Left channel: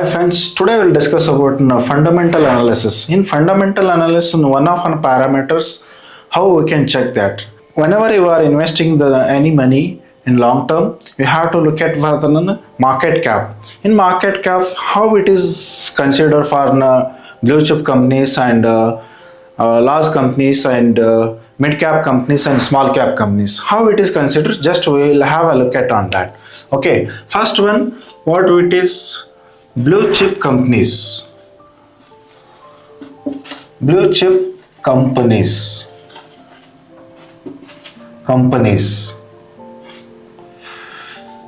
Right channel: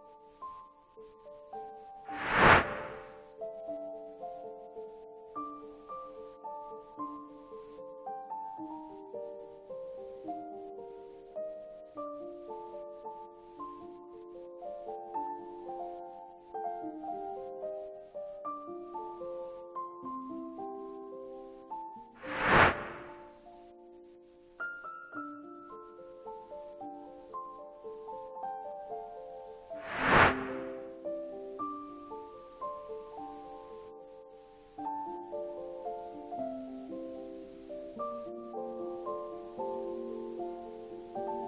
Hi friends, today we'll discuss about fundamental analysis. In fundamental analysis, one of the parameters, how we can check that. Whenever you are investing any money in long term, you have to look at market cap. In market cap, how it is considered for blue chip companies and large companies and mid cap companies and small cap companies. How it is considered? Just we will have a look at on that. Okay, first one, what it is. Blue chip companies. Blue chip companies.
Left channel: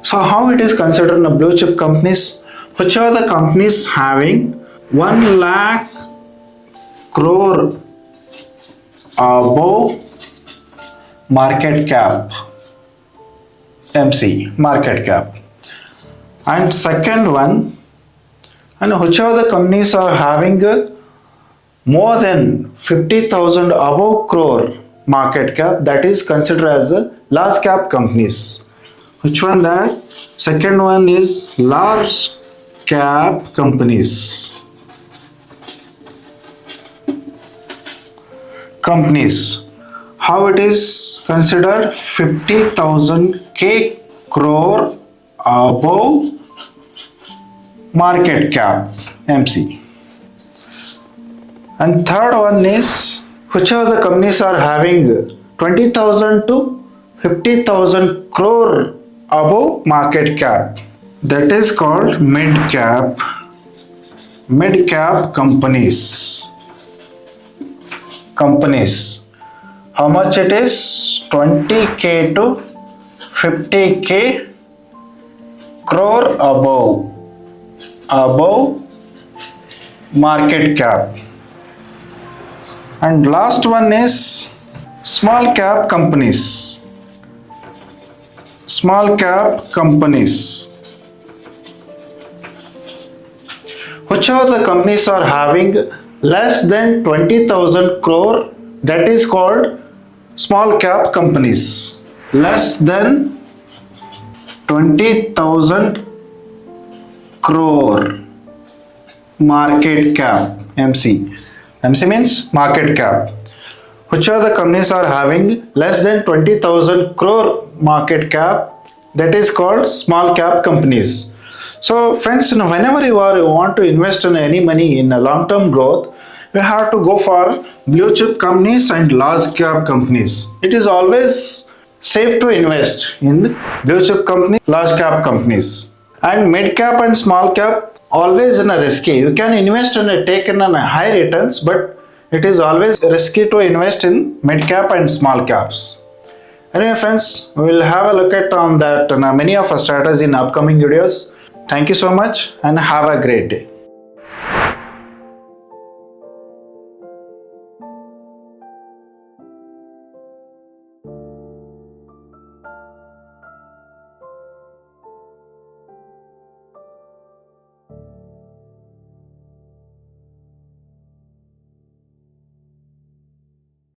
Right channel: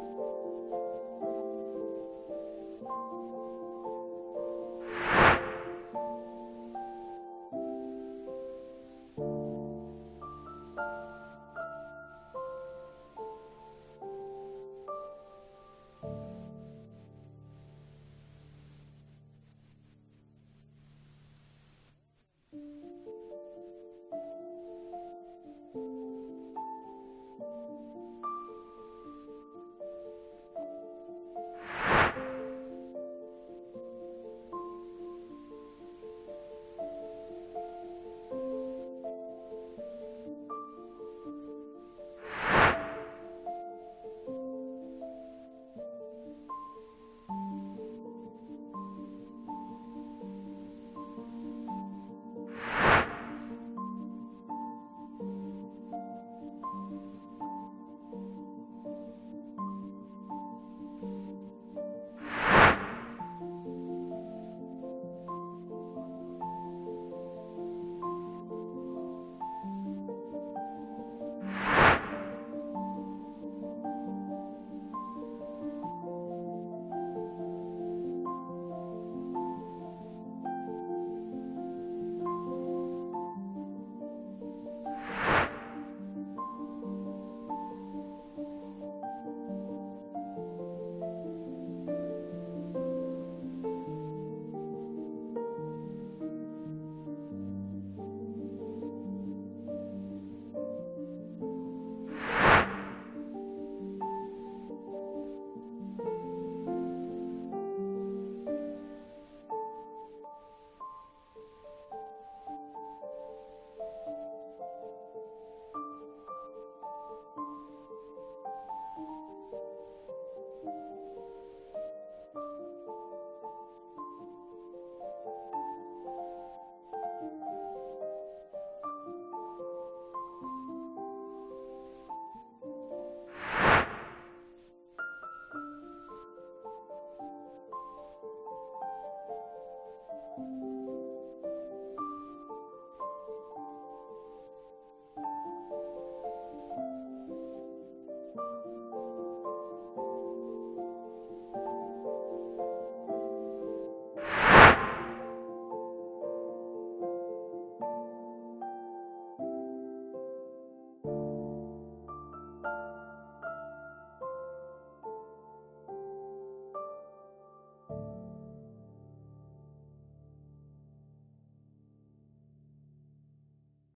So how it is considered in blue chip companies? Which are the companies having 1 lakh crore above market cap, MC, market cap. And second one, and which of the companies are having more than 50,000 above crore market cap, that is considered as large cap companies. Which one that? Second one is large cap companies. How it is considered? 50,000 crore above market cap, MC. And third one is which of the companies are having 20,000 to 50,000 crore above market cap, that is called mid cap companies. How much it is? 20k to 50k crore above market cap. And last one is small cap companies. Which of the companies are having less than 20,000 crore, that is called small cap companies. Less than 20,000 crore market cap, MC. MC means market cap. Which of the companies are having less than 20,000 crore market cap, that is called small cap companies. So friends, whenever you want to invest in any money in a long term growth, you have to go for blue chip companies and large cap companies. It is always safe to invest in blue chip companies, large cap companies. And mid cap and small cap, always in a risky. You can invest and take in a high returns, but it is always risky to invest in mid cap and small caps. Anyway friends, we will have a look at on that many of our strategies in upcoming videos. Thank you so much and have a great day.